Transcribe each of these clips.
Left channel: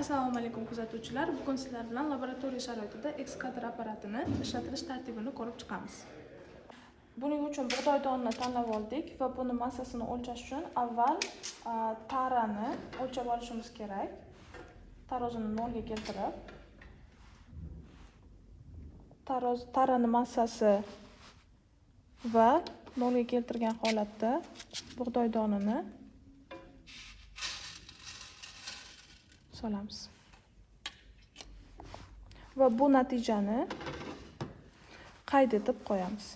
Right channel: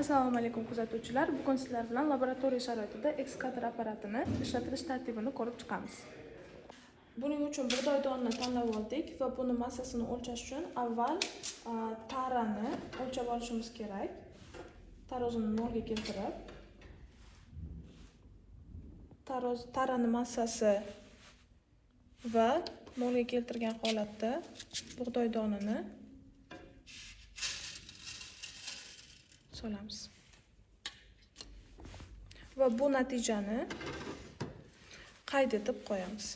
Assalomu alaykum kuzatuvchilar. Bugun sizlar bilan laboratoriya sharoitida ekskavator apparatini ishlatilish tartibini ko'rib chiqamiz. Buning uchun bug'doy donini tanlab oldik va buni massasini o'lchash uchun avval tarani o'lchab olishimiz kerak. Tarozini nolga keltirib, tarani massasi va nolga keltirgan holatda bug'doy donini solamiz. Va bu natijani qayd etib qo'yamiz.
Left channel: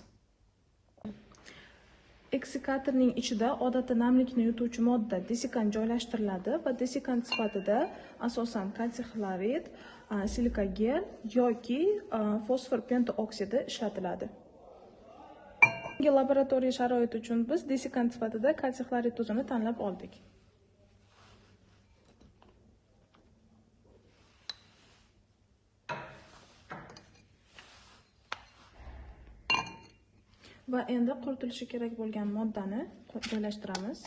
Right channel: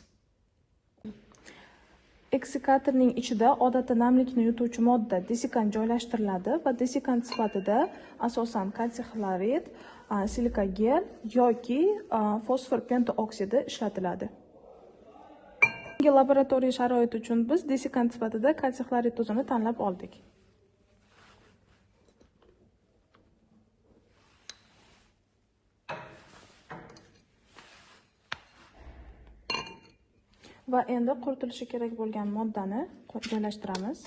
Ekskavatorning ichida odatda namlikni yutuvchi modda desikant joylashtiriladi va desikant sifatida asosan kalsiy xlorid, silika gel yoki fosfor pentaoksidi ishlatiladi. Laboratoriya sharoiti uchun biz desikant sifatida kalsiy xlorid tuzini tanlab oldik. Va endi quritilishi kerak bo'lgan moddani joylashtiramiz.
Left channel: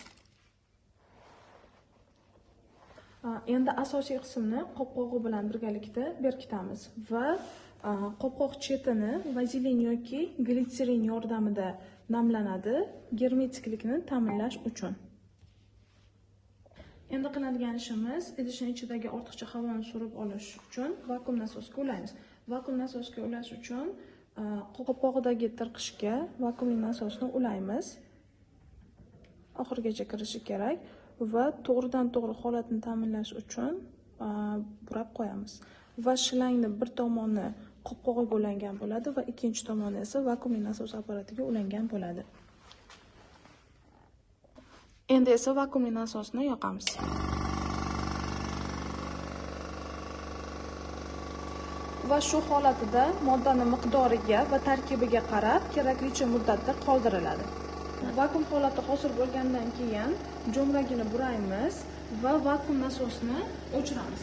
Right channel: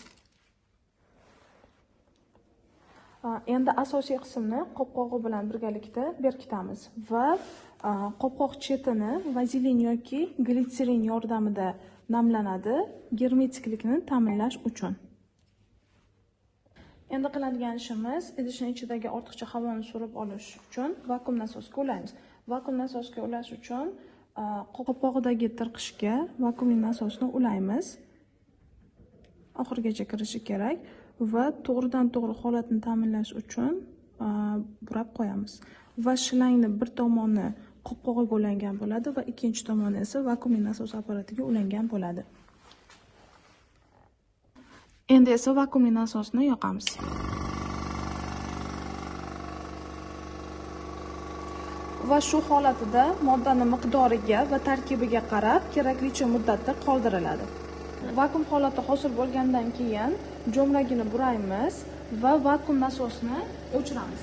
Endi asosiy qismni qopqog'i bilan birgalikda berkitamiz va qopqoq chetini vazelin yoki glitserin yordamida namlanadi germetiklikni ta'minlash uchun. Endi qiladigan ishimiz idishning ichidagi ortiqcha havoni surib olish uchun vakuum nasosga ulaymiz. Vakuum nasosga ulash uchun qopqog'idagi tirqishga vakuum nasosni ulaymiz. Oxirigacha kirishi kerak va to'g'ridan to'g'ri holatni ta'minlash uchun burab qo'yamiz. Va shlangni bir tomoni qopqog'iga ulangan bo'ladi va ikkinchi tomoni esa vakuum nasos apparatiga ulangan bo'ladi. Endi esa vakuum nasosni yoqamiz. Va shu holatida moddaning miqdoriga va tarkibiga qarab keraklicha muddatda qoldiriladi. Vakuum holati hosil bo'lgandan keyin jo'mragini buraymiz va vakuum nasosni o'chiramiz.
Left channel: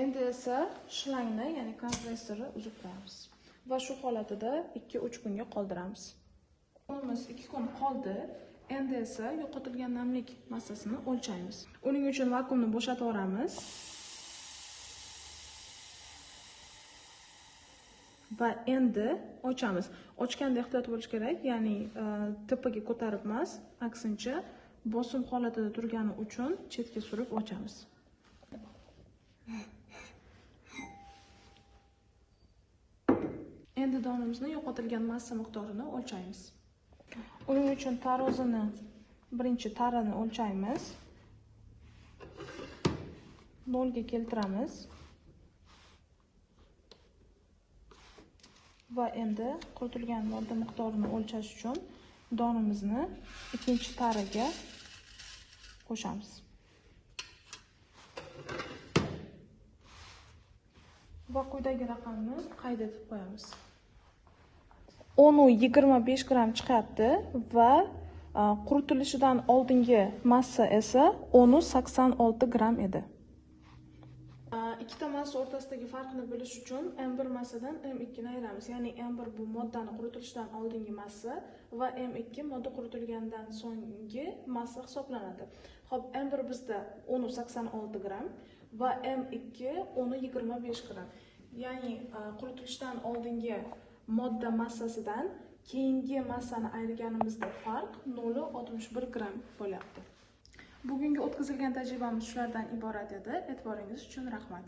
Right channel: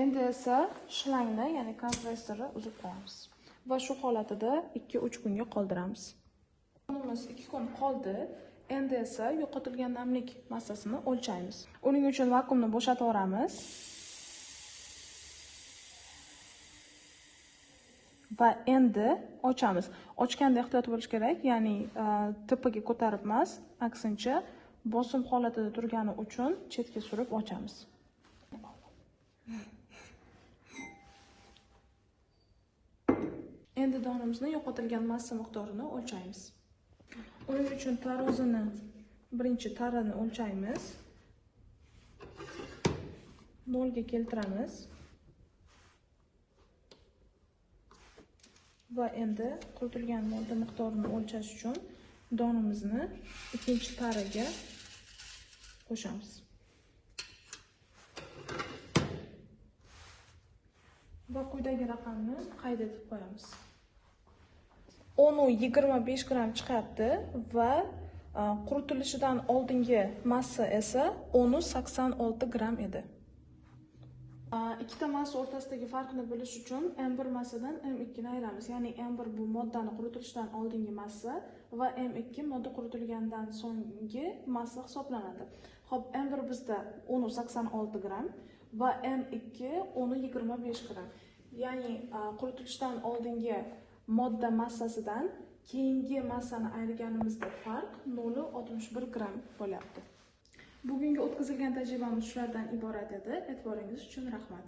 Endi esa shlangni, ya'ni kompressorni uzib qo'yamiz va shu holatida 2-3 kunga qoldiramiz. Kunimiz 2 kun qoldi. Endi esa yo'qotilgan namlik massasini o'lchaymiz. Uning uchun vakuumni bo'shatib yuboramiz. Va endi ochamiz. Ochganda ehtiyot bo'lish kerak, ya'ni tepaga ko'tarib emas, aksincha bosim holatida turgani uchun chetga surib ochamiz. Endi donimizni yo'qotilgan massa miqdorini o'lchaymiz. Uning uchun tarozini birinchi tarini o'lchaymiz. Nolga keltiramiz. Va endi quritilgan modda miqdorini o'lchash uchun donimizni ikkinchi taraga qo'shamiz. Va quyidagi raqamni qayd etib qo'yamiz. 10-25 gram chiqadi va quritilishidan oldingi massa esa 10-86 gram edi. Ikkita massa o'rtasidagi farqni bilish uchun M1 massadan M2 ni ayiramiz. Ya'ni M1 bu moddani quritilishidan oldingi massa va M2 modda quritilgandan so'nggi massa hisoblanadi. Xo'p, M1 bizda 10-86 gram va M2 10-25 gram. Ya'ni quritilishdan oldingi modda massasidan keyingi massani ayirganimizda farq 0,61 gram bo'lyapti. Bugungi o'tkazilgan tajribamiz shulardan iborat edi. E'tiboringiz uchun rahmat.